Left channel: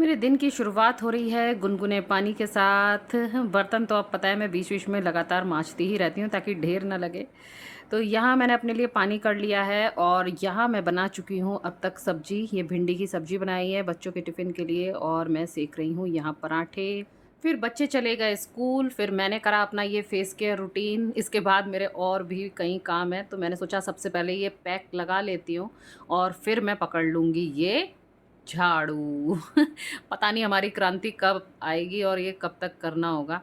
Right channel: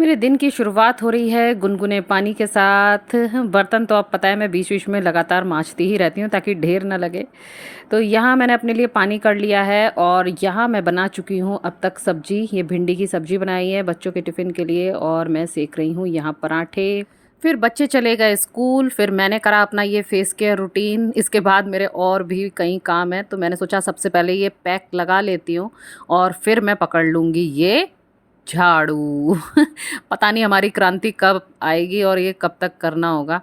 मेरे दिन की शुरुआत हो रही है गुनगुने पानी के साथ। बर्तन तो अब पता है मैं बीच-बीच में लगातार मांजती ही रहती हूँ ताकि ढेर ना लगे। तो यहाँ मैंने अपने लिए पानी कर लिया है और यहाँ मैं बना चुकी हूँ अब तक सब्ज़ी। ये भिंडी की सब्ज़ी बनाई है बच्चों के टिफ़िन के लिए और मैं सेक रही हूँ यहाँ पराठे। फिर बच्चे चले गए स्कूल, फिर मैंने करा अपना ये फ़ेस केयर रूटीन। इसके बाद मेरे और भी कई काम हैं, तो मैंने सोचा सबसे पहले ये पैक लगा लेती हूँ और फिर मैं पकड़ लूँगी ये झाड़ू। पता नहीं हमारी क्रांति कब आएगी और ये कब तक करना होगा।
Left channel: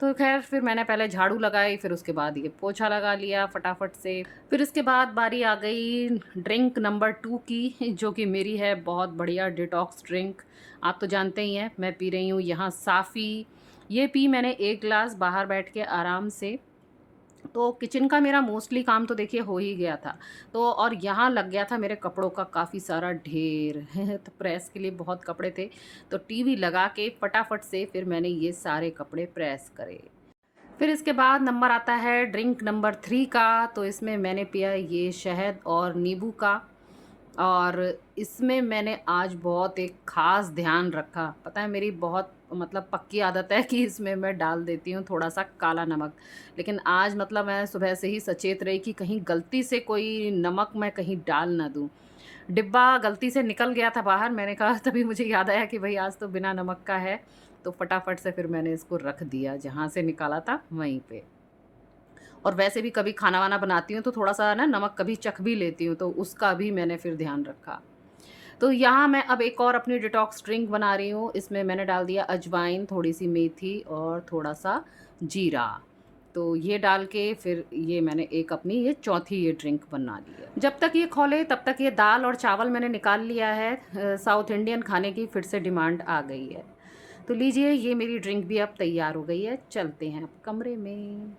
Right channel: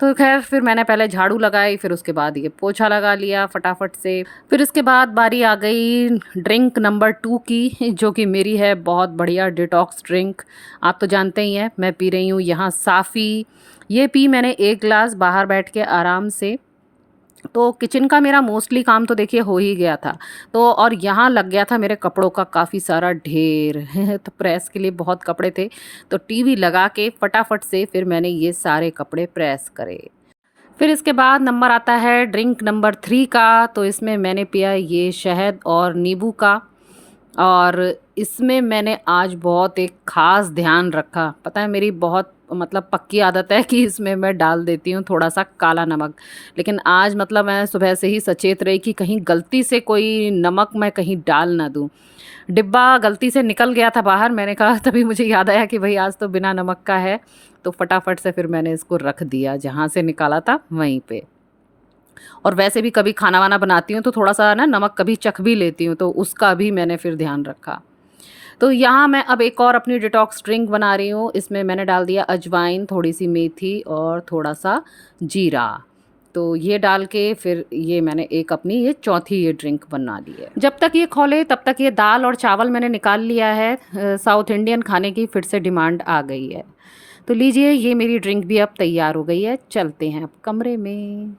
तो ख़ैर फिर मैंने पहले झाड़ू लगाई, फिर उसके बाद ये पोछा लगा लिया फटाफट से। फिर इसके बाद बारी आ गई ड्रिंक नंबर 2 की, जो कि मेरी है बहुत बढ़िया डिटॉक्स ड्रिंक। आप तो जानते ही हैं, मैं पी रही हूँ यहाँ साफ़ी। ये पी मैंने 1 ग्लास बाहर बैठ के आराम से। तो किचन का मेरा मोस्टली काम तो देखिए हो ही गया था। तो और यहाँ लग गया था मेरे कपड़ों का काफ़ी सारा ढेर। तो प्रेस के लिए बहुत कपड़े थे, तो टीवी लगा के फटाफट से फिर मैंने ये सारे कपड़े प्रेस करे। फिर इसके बाद नंबर आता है ड्रिंक नंबर 3 का, तो इसमें मैंने पिया ये शहद और नींबू का। और इसमें मैंने आज बहुत एक ख़ास ध्यान रखा। पता है मेरी बहुत मतलब पक्की आदत है कि इसमें मैं डाल देती हूँ थोड़ा-सा काला नमक। लेकिन आज मतलब मैं सुबह से ही सचेत रही कि कहीं गलती से कोई नमक मैं कहीं डाल ना दूँ। डिब्बा गलती से निकल गया था बाहर, मैंने कहा तभी मुझे याद आया कि भई आज तो बिना नमक का है। तो फटाफट से फिर मैंने इसको रख दिया, जहाँ से निकाला था वहीं पे। और वैसे भी कभी खाना-वाना बनाती हूँ तो थोड़ा-सा ना नमक कभी चख भी लेती हूँ, तो उसका भी मैंने फिर ध्यान रखा। तो यहाँ मैं अब एक और अपनी डिटॉक्स ड्रिंक बना रही हूँ। इसमें मैंने डाल दिया अजवाइन, थोड़ी-सी मेथी और थोड़ा-सा जीरा। तो ये डाल के फिर ये मैंने एक अपनी ये चौथी ये ड्रिंक बना ली है। जब तक ये खौले तब तक ये दाल और चावल मैंने निकाल लिया है। साउथ इंडियन खाने की फिर से डिमांड आ गई है। तो लीजिए ये मेरी ड्रिंक भी अब तैयार हो गई है। चलते हैं अब कमरे में।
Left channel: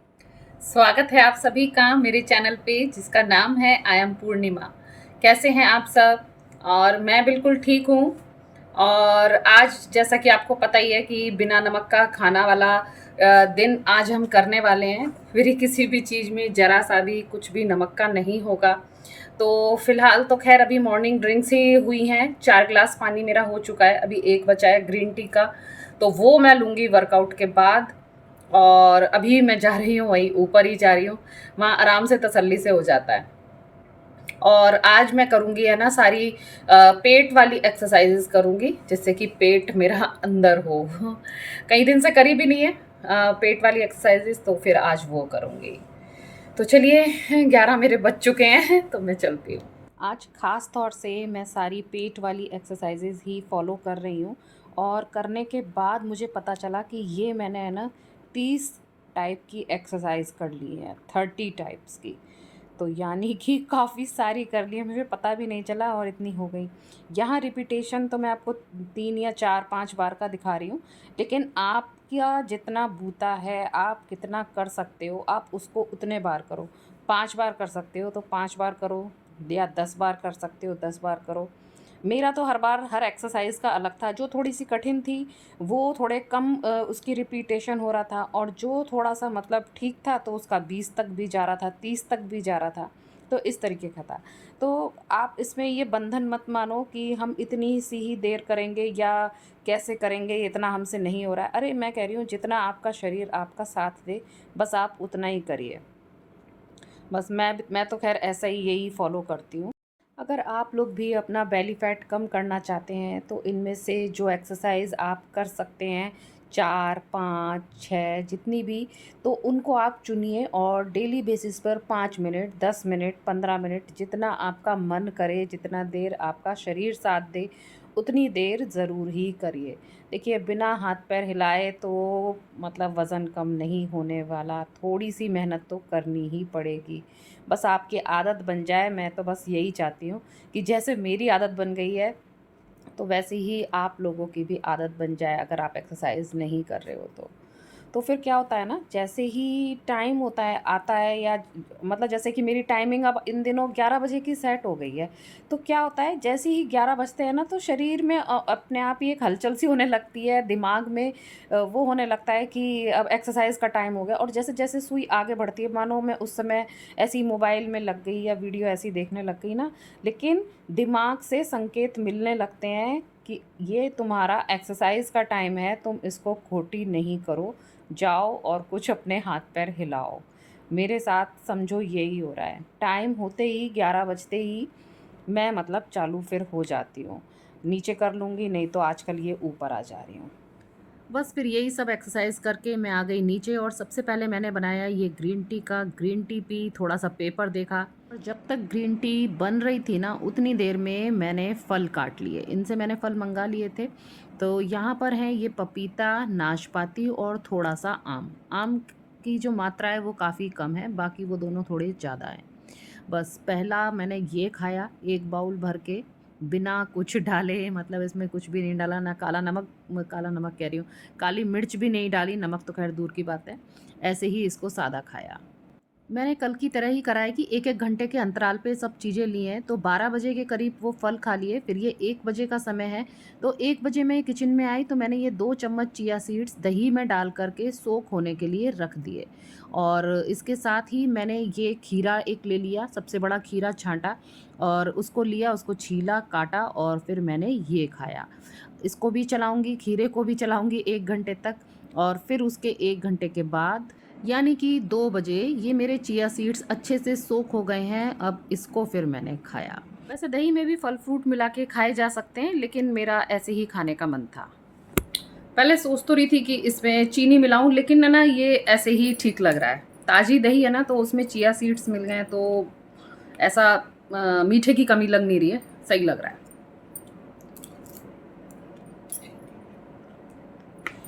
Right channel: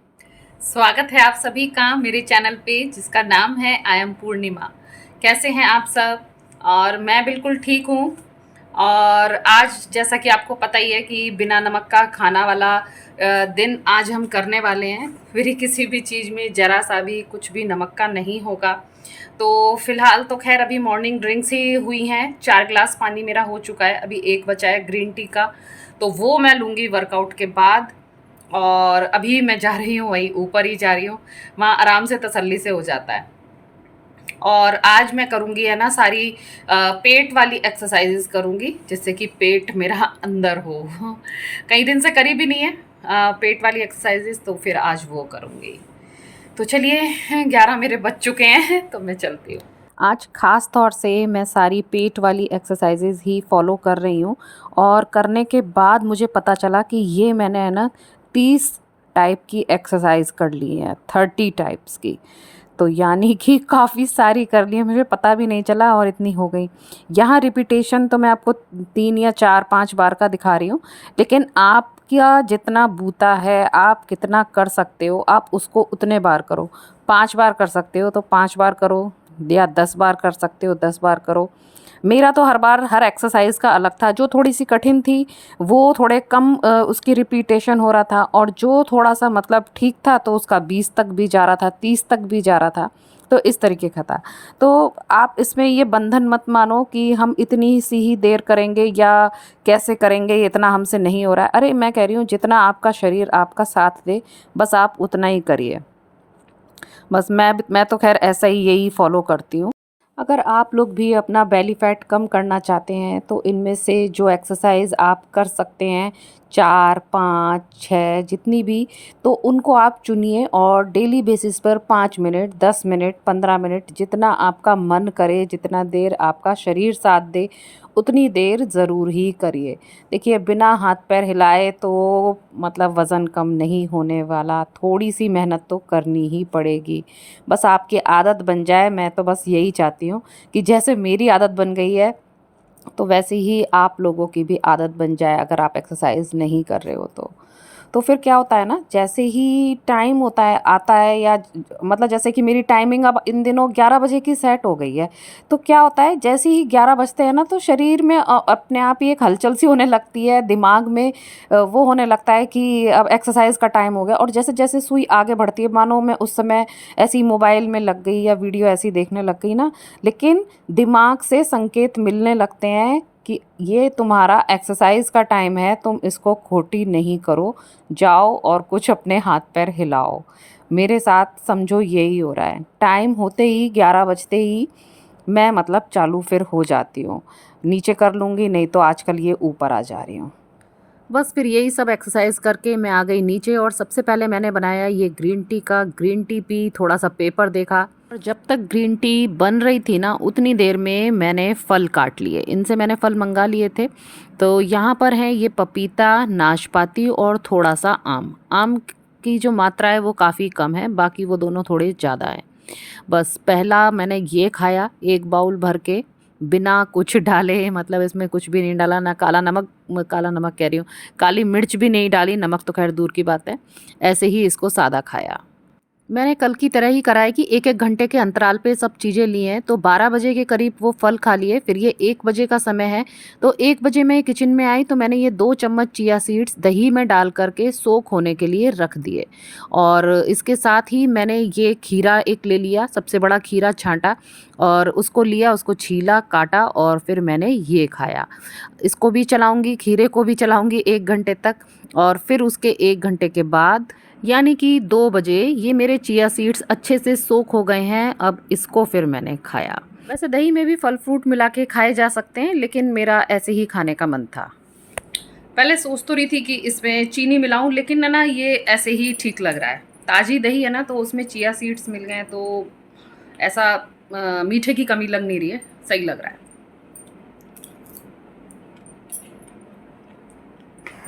स्वागत है आप सभी का मेरे चैनल पे जिसका नाम है आई एम पूर्णिमा। कैसे हैं आप सब? और मैं बिल्कुल ठीक हूँ। और आज जैसा कि आपको पता ही है कि बिना नमक का खाना वाला दिन आज हम करने वाले हैं। फिर किसी भी चीज़ में ज़रा सा भी कुछ भी नमक का नहीं होगा। तो फ़िलहाल तो खैर अभी मॉर्निंग ड्रिंक्स ही हुई हैं। 4 ग्लास पानी मेरा हो चुका है, अभी 1 बचा है ग्रीन टी का। तो वो मैं लूँगी वर्कआउट के बाद। और अभी मैं जा रही हूँ वहीं ऊपर ही जा रही हूँ, वहाँ आराम से तसल्ली से हो जाता है। और आज मैं करूँगी है ना सारी पेट वाली एक्सरसाइजेज करूँगी जिससे कि पेट मेरा अंदर हो। कई दिन से करी भी नहीं है पेट वाली एक्सरसाइजेज, तो फिर आज वो करूँगी। तो चलिए 11 मेरे बज चुके हैं तो मैं चलती हूँ। आज ख़ास तौर से मैं सारी पेट वाली एक्सरसाइजेज ही फॉलो कर रही हूँ। और करने के बाद मुझे पता चला कि ये मैंने है ना 30 टाइप की एक्सरसाइज कर ली है, 30 टाइप्स की। तो यानी कि काफ़ी सारी कर ली है, मुझे पता भी नहीं चला और इतनी हो गई। यहाँ रिपीटेशन तो मैं आपको 3 या 4-5 बार का दिखा रही हूँ, लेकिन आपका जितना बूता है, आप कितना कर सकते हो, आप उसको उतने बार करो। 5 बार कर सकते हो तो 5 बार करो, या 10 बार कर सकते हो 10 बार करो। मेरा तो हर बार हर एक्सरसाइज का अलग था। जो थोड़ी-सी कठिन थी, वो थोड़े कम उसकी रिपीटेशन हो रहा था, और जो थोड़ा-सा मतलब ठीक था तो उसका 20 तक भी जा रहा था, 30 तक भी जा रहा था। तो इस तरीके का था। तो आप इसमें ये बंधन मत मानो कि हम इतनी सी ही देर करेंगे या कैसे करेंगे, ये इतना हमसे नहीं हो रहा है। अरे मैं कह रही हूँ जितना आपका शरीर आपका साथ दे, बस आप उतना ही करिए। बस मैं तो ख़ैर ऐसा ही यही फ़ॉलो करती हूँ। अगर आप लोग भी अपना बेली फैट कम करना चाहते हैं तो इनमें से जो एक्सरसाइज आप कर सकते हैं, 4, 5, 6 जितनी भी, तो उनको आप चुनिए और डेली बेसिस पर 5 मिनट, 10 मिनट, 15 मिनट, जितना आपका मन करे, जितना देर आपका शरीर साथ दे, उतनी देर ज़रूर ही करिए। देखिए बिना हाथ पैर हिलाए तो मतलब वज़न कम नहीं होने वाला, थोड़ी सी मेहनत तो करनी ही पड़ेगी। बस आपकी आदत बन जाए, मैं तो बस यही चाहती हूँ कि जैसे मेरी आदत बन गई है, तो वैसे ही आप लोगों की भी आदत बन जाए अगर आप एक्सरसाइज़ नहीं कर रहे हो तो। तो फिर क्या होता है ना, जैसे ही टाइम होता है आता है, या मतलब जैसे कि मेरी टाइमिंग अब इन दिनों 11 बजे की सेट हो गई है। तो क्या होता है, जैसे ही 11 बजते हैं ना, तो शरीर में अपने आप ही एक हलचल सी होने लगती है, दिमाग में वो होने लगता है कि अब एक्सरसाइज का टाइम हो गया। और जैसे जैसे सुई आगे बढ़ती है, मानो मैं उस समय ऐसी मोबाइल में लग गई या वीडियो ऐसी देखने लग गई ना, लेकिन दिमाग से संकेत मिलने लगते हैं कि ये तुम्हारा एक्सरसाइज का टाइम है, तुम इसको खोटी नहीं करो, जाओ और कुछ अपने हाथ पैर हिलाओ। मेरे साथ समझो यही हो रहा है, टाइम होते ही 11 बजते ही मैं मतलब चालू फिर हो जाती हूँ, नीचे कर लूँगी, नहीं तो आजकल ये ऊपर आ जा रही हूँ। बस फिर यही सब एक्सरसाइज करके मैं आ गई नीचे और सबसे पहले मैंने बनाया ये ग्रीन टी का, ग्रीन टी पी, थोड़ा सा पेपर देखा। और जब तक ग्रीन टी बन रही थी ना उतनी देर में मैंने फल काट लिए, इनसे मैंने फल मंगा लिए थे। तो यहाँ पर है ये पपीता, नाशपाती और थोड़ा सा आम। आम की जो मात्रा है वो काफ़ी कम है, बाकी वो दोनों थोड़े ज़्यादा है। बस पहला मैंने ये खाया एक बाउल भर के, बिना कुछ डाले, मतलब इसमें कुछ भी नहीं डाला, ना काला नमक, काला नमक कह रही हूँ, काली मिर्च भी नहीं डाली, नमक तो खैर दूर की बात है, ऐसे ही इसको सादा खाया। मैंने कल की तरह ही करा है कि एक एक घंटे के अंतराल पे सब चीज़ें ली हैं। तो 12 बजे के करीब वो फल खा लिए, फिर ये 1 बजे का समय है, तो 1 बजे मैं किचन में आई तो मैंने ये 2 चम्मच चिया सीड्स दही में डाल करके सोख होने के लिए रख दिए। और इसके साथ ही मैंने ये खीरा एक ले लिया, सबसे बड़ा खीरा छाँटा और उसको लिया, उसको छीला, काटा और फिर मैंने ये खाया। इसको भी चलाऊँगी, खीरे को भी चलाऊँगी 1 घंटे तक और फिर उसके 1 घंटे के बाद यानी कि 2 बजे ये मेरे चिया सीड्स अच्छे से सोख हो गए हैं, अब इसको फिर मैंने खाया। वैसे दही में भी फल फ्रूट मिला के खाए जा सकते हैं, लेकिन मेरा ऐसे ही खाने का मन था। पहले सोच तो रही थी कि इसमें चीनी मिलाऊं, लेकिन ना ये ऐसे ही ठीक लग रहा है। ताज़ी दही है ना, तो उसमें चिया सीड्स मिल गए तो ऐसा मीठे की कमी लग नहीं रही है, सही लग रहा है।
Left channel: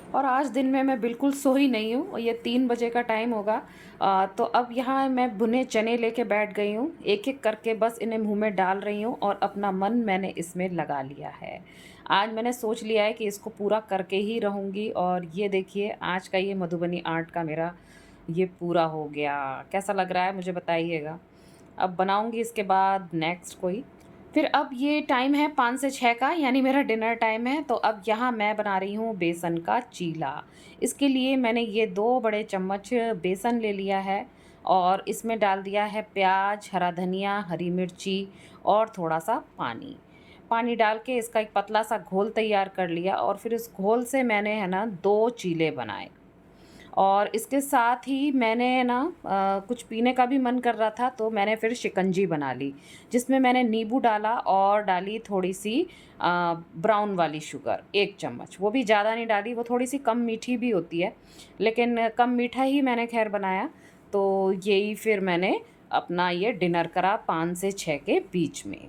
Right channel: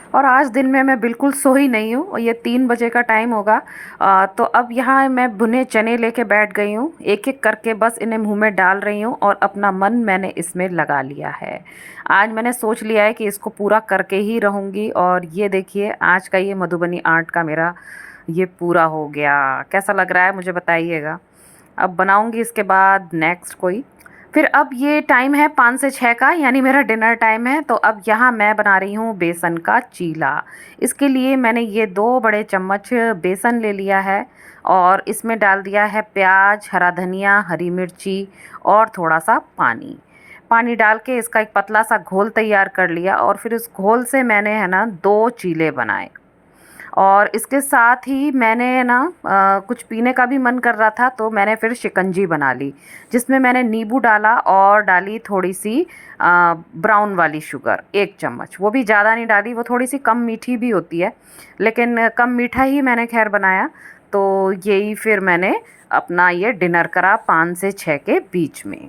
और आज दिन में मैं बिल्कुल सोई नहीं हूँ और ये 3 बजे का टाइम होगा। तो अब यहाँ मैं भुने चने लेके बैठ गई हूँ, एक एक करके बस इन्हें मुंह में डाल रही हूँ और अपना मन मैंने इसमें लगा लिया है। आज मैंने सोच लिया है कि इसको पूरा करके ही रहूँगी। और ये देखिए आज का ये मधुबनी आर्ट का मेरा ये पूरा हो गया। कैसा लग रहा है मुझे बताइएगा। अब बनाऊँगी इसके बाद नेक्स्ट कोई। फिर अब ये टाइम है 5 से 6 का, यानी मेरा डिनर टाइम है। तो अब यहाँ मैं बना रही हूँ बेसन का चीला। इसके लिए मैंने ये 2 बड़े चम्मच बेसन ले लिया है और इसमें डाल दिया है प्याज, हरा धनिया, हरी मिर्ची और थोड़ा सा पानी। पानी डाल के इसका एक पतला सा घोल तैयार कर लिया और फिर उस घोल से मैंने है ना 2 चीले बनाए। और इसके साथ ही मैंने ना कुछ पीने का भी मन कर रहा था तो मैंने फिर शिकंजी बना ली, जिसमें मैंने नींबू डाला और डाली थोड़ी सी ब्राउन वाली शुगर 1 चम्मच। वो भी ज़्यादा नहीं डाली, वो थोड़ी सी कम मीठी भी होती है, लेकिन कम मीठा ही मैंने खैर बनाया। तो यही फिर मैंने अपना ये डिनर करा 5 से 6 के बीच में।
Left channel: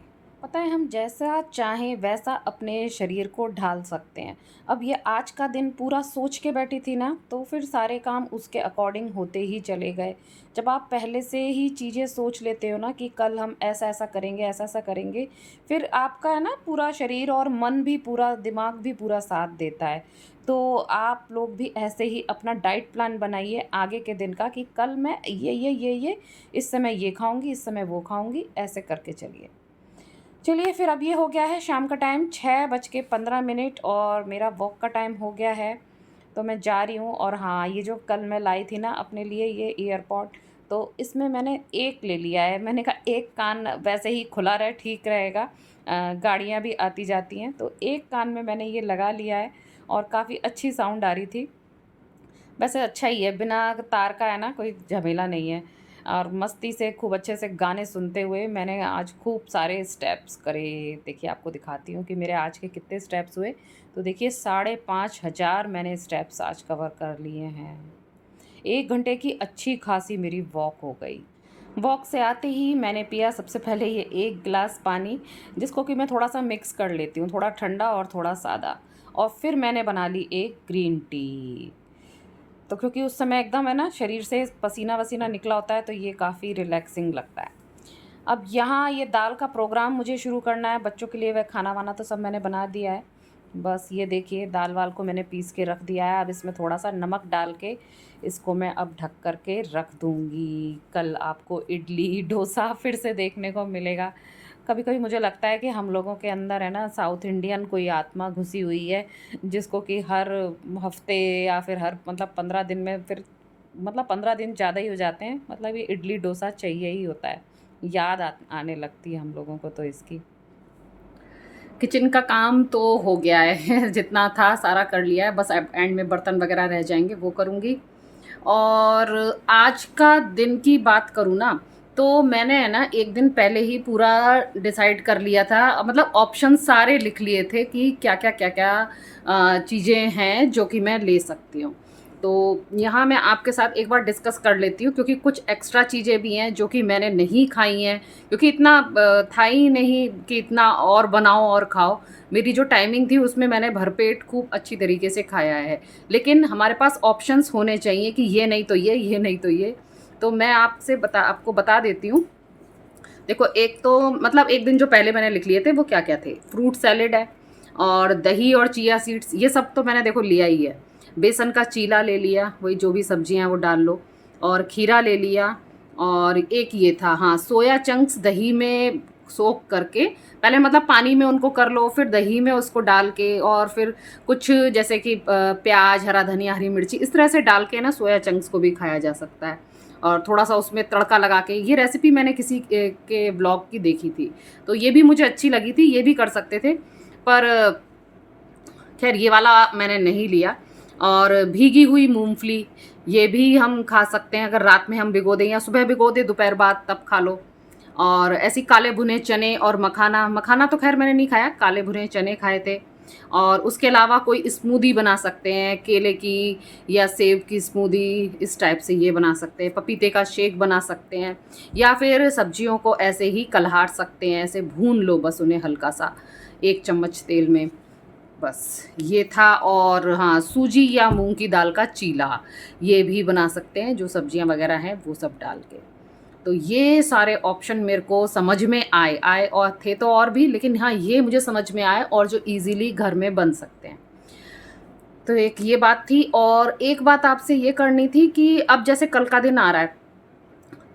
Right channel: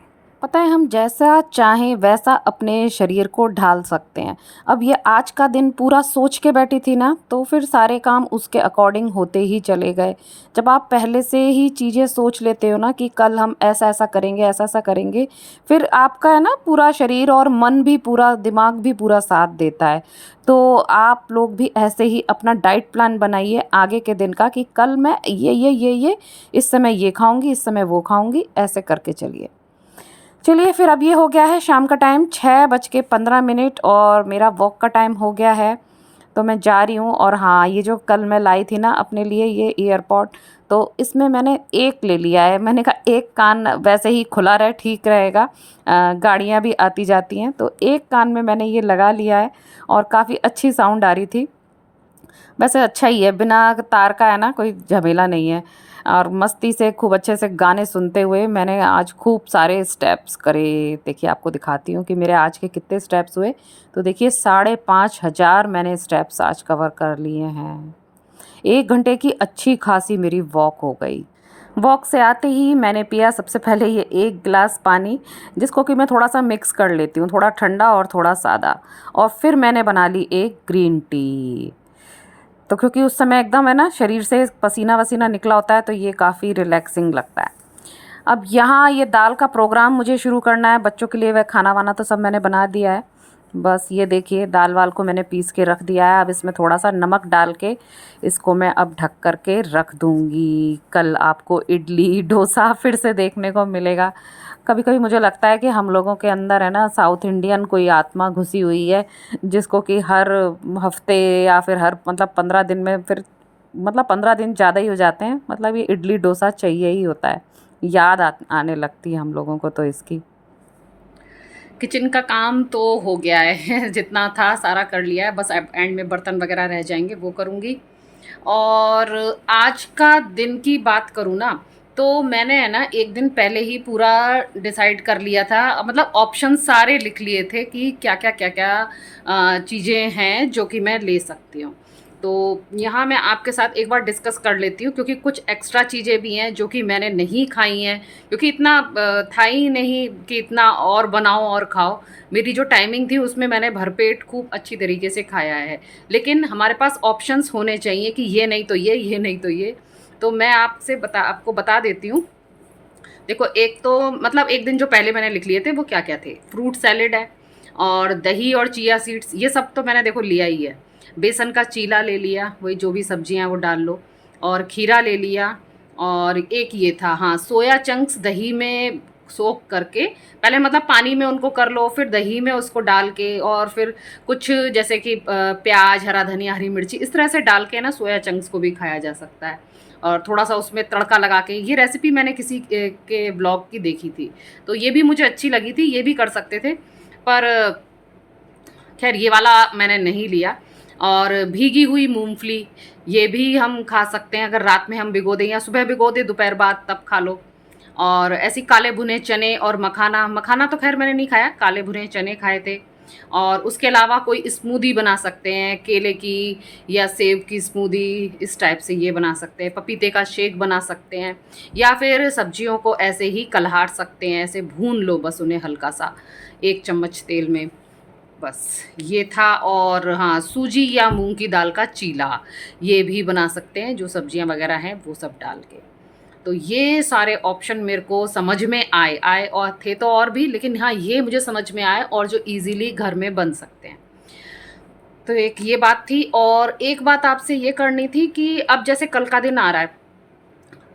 पता है हम जैसा चाहें वैसा अपने शरीर को ढाल सकते हैं। अब ये आज का दिन पूरा सोच के बैठी थी ना, तो फिर सारे काम उसके अकॉर्डिंग होते ही चले गए। जब आप पहले से ही चीज़ें सोच लेते हो ना कि कल हम ऐसा ऐसा करेंगे, ऐसा ऐसा करेंगे, फिर आपका है ना पूरा शरीर और मन भी पूरा, दिमाग भी पूरा साथ देता है। तो आप लोग भी ऐसे ही अपना डाइट प्लान बनाइए आगे के दिन का कि कल मैं ये इस समय ये खाऊंगी, इस समय वो खाऊंगी, ऐसे करके चलिए। चलिए फिर अब ये हो गया है शाम का टाइम 6:15 और मेरा वॉक का टाइम हो गया है। तो मैं जा रही हूँ। और हाँ, ये जो कल मैं लाई थी ना अपने लिए ये ईयरपॉड, तो इसमें मैंने एक ले लिया है। मैंने कहा एक कान वैसे ही खुला रहे ठीक रहेगा, गाड़ियाँ भी आती जाती हैं, तो एक कान में मैंने ये लगा लिया है और काफ़ी अच्छी साउंड आ रही थी। वैसे अच्छा ही है, बिना तार का है ना, कोई झमेला नहीं है। और मस्ती से खूब अच्छे से गाने सुनते हुए मैंने आज खूब सारे स्टेप्स करे। देखिए आपको दिखाती हूँ कि मेरे आज के कितने स्टेप्स हुए। तो देखिए 5,500 मैंने स्टेप्स आज कवर कर लिए हैं। 1 घंटे की अच्छी खासी मेरी वॉक हो गई। वॉक से आते ही मैंने पिया सबसे पहले ये 1 गिलास पानी, जिसको कि मैं थोड़ा सा मिक्स कर लेती हूँ, थोड़ा ठंडा और थोड़ा सादा। और फिर मैंने बना ली एक ग्रीन टी। तो क्योंकि उस समय एकदम है ना शरीर से पसीना वसीना निकला होता है, तो ये काफ़ी रिलैक्सिंग लगता है। अब यहाँ ये दाल का प्रोग्राम मुझे शुरू करना है बच्चों के लिए। वह खाना वाना तो सब मैंने बना दिया है, बस ये देखिए दाल वाल को मैंने पीस के रख दिया है। अब इसमें थोड़ा सा नमक डाल के इसको मैं अब ढक कर के रख दूँगी। कल आपको इडली डोसा फिर से देखने को मिलेगा। कभी कभी मुझे लगता है कि हम लोगों के अंदर है ना साउथ इंडियन कोई आत्मा घुसी हुई है, जिसको कि हर हफ्ते या फिर हर मतलब 15 दिन में, फिर मतलब 15 दिन ज़्यादा ही हो जाते हैं, मतलब ये इडली डोसा चाहिए ही होता है। याद आने लगती है हम लोगों को तो इसकी। किचन का काम तो हो गया है जितना था सारा कर लिया है, बस अब एंड में बर्तन वगैरह रह जाएंगे वो करूँगी। और आज का दिन की बात करूँ ना, तो मैंने है ना एक दिन पहले ही पूरा डिसाइड कर लिया था, मतलब ऑप्शन सारे लिख लिए थे कि क्या क्या चीज़ें हैं जो कि मैं ले सकती हूँ। तो यहाँ मैं आपके साथ एक बार डिस्कस कर लेती हूँ, क्योंकि कुछ एक्स्ट्रा चीज़ें भी हैं जो कि मैंने नहीं खाई हैं, क्योंकि इतना था ही नहीं कि इतना और बनाओ और खाओ। मेरी जो टाइमिंग थी उसमें मैंने भरपेट खूब अच्छी तरीके से खाया है। लेकिन हमारे पास ऑप्शंस होने चाहिए कि ये नहीं तो ये नहीं तो ये। तो मैं आपको बता देती हूँ। देखो, एक तो मतलब एक दिन जो पहले मैंने लिख लिए थे वो क्या क्या थे। फ्रूट सैलेड है, और दही और चिया सीड्स, ये सब तो मैंने देखो लिया ही है। बेसन का चीला ले लिया, वही जो भी सब्जियां हैं वो डाल लो। और खीरा ले लिया। और एक ये था, हाँ, सोया चंक्स दही में सोक करके, पहले मतलब पानी में उनको कर लो, फिर दही में उसको डाल के, और फिर कुछ जैसे कि प्याज, हरा धनिया, हरी मिर्ची, इस तरह से डाल के ना सोया चंक्स को भी खाया जा सकता है। और थोड़ा सा उसमें तड़का लगा के, ये रेसिपी मैंने किसी के ब्लॉग की देखी थी, तो ये भी मुझे अच्छी लगी थी, ये भी कर सकते थे। पर खैर ये वाला मैंने नहीं लिया। और भीगी हुई मूंगफली, ये भी हम खा सकते हैं, अगर रात में हम भिगो दें या सुबह भिगो दें दोपहर बाद तब खा लो। और ऐसी काले भुने चने और मखाना, मखाना तो खैर मैंने नहीं खाया, काले भुने चने खाए थे। और उसके अलावा कोई स्मूदी बना सकते हैं, केले की या सेब की स्मूदी, इस टाइप से ये बना सकते हैं। पपीते का शेक बना सकते हैं, या फिर सब्जियों को ऐसे ही कलहार सकते हैं, ऐसे भून लो बस उन्हें हल्का सा 1 चम्मच तेल में, बस ये था। और हाँ, सूजी या मूंग की दाल का चीला, ये भी बना सकते हैं, जो सब्जियां वगैरह हैं वो सब डाल के। तो ये सारे ऑप्शन मेरे को समझ में आए और थे तो और भी, लेकिन हाँ ये मुझे समझ में आए और जो इजीली घर में बन सकते हैं। तो एक ये बात थी। और एक बात आपसे ये करनी थी कि अब जैसे कल का दिन आ रहा है,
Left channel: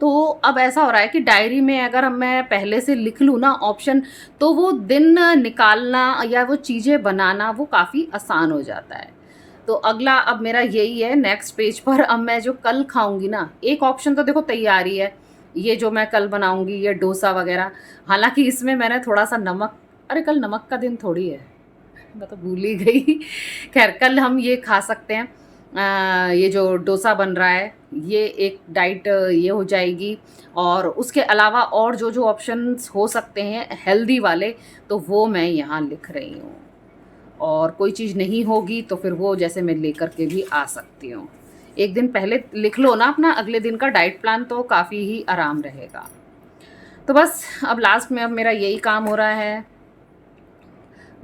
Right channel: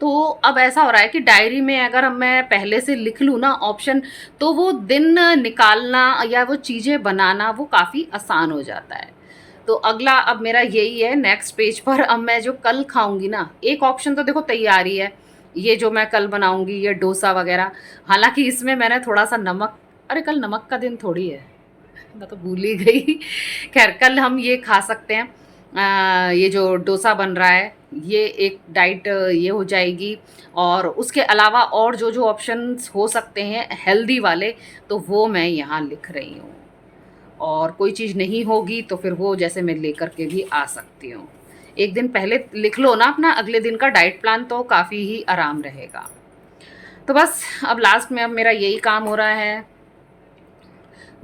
तो अब ऐसा हो रहा है कि डायरी में अगर मैं पहले से लिख लूँ ना ऑप्शन, तो वो दिन निकालना या वो चीज़ें बनाना वो काफ़ी आसान हो जाता है। तो अगला अब मेरा यही है, नेक्स्ट पेज पर अब मैं जो कल खाऊंगी ना, एक ऑप्शन तो देखो तैयार ही है, ये जो मैं कल बनाऊंगी ये डोसा वगैरह। हालांकि इसमें मैंने थोड़ा सा नमक, अरे कल नमक का दिन थोड़ी है, मैं तो भूल ही गई। खैर कल हम ये खा सकते हैं। ये जो डोसा बन रहा है, ये एक डाइट ये हो जाएगी। और उसके अलावा और जो जो ऑप्शंस हो सकते हैं हेल्दी वाले, तो वो मैं यहाँ लिख रही हूँ। और कोई चीज़ नहीं होगी तो फिर वो जैसे मैं लेकर के भी आ सकती हूँ। एक दिन पहले लिख लो ना अपना अगले दिन का डाइट प्लान, तो काफ़ी ही आराम रहेगा। तो बस अब लास्ट में अब मेरा यही काम हो रहा है।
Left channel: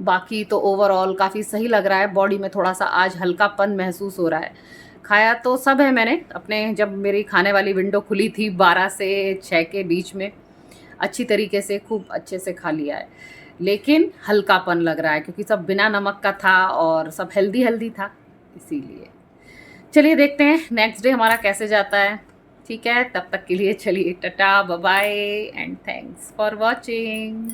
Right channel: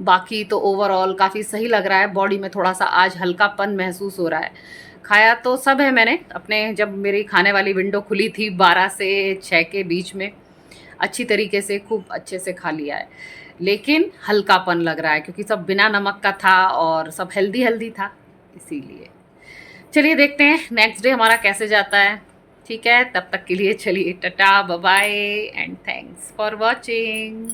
बाकी तो ओवरऑल काफ़ी सही लग रहा है, बॉडी में थोड़ा सा आज हल्कापन महसूस हो रहा है। खाया तो सब है मैंने अपने, जब मेरी खाने वाली विंडो खुली थी 12 से 6 के बीच में, अच्छी तरीके से खूब अच्छे से खा लिया है। लेकिन हल्कापन लग रहा है क्योंकि सब बिना नमक का था और सब हेल्दी हेल्दी था, इसीलिए। चलिए देखते हैं नेक्स्ट डे हमारा कैसे जाता है। ठीक है, तब तक के लिए चलिए tata bye bye and thanks for watching.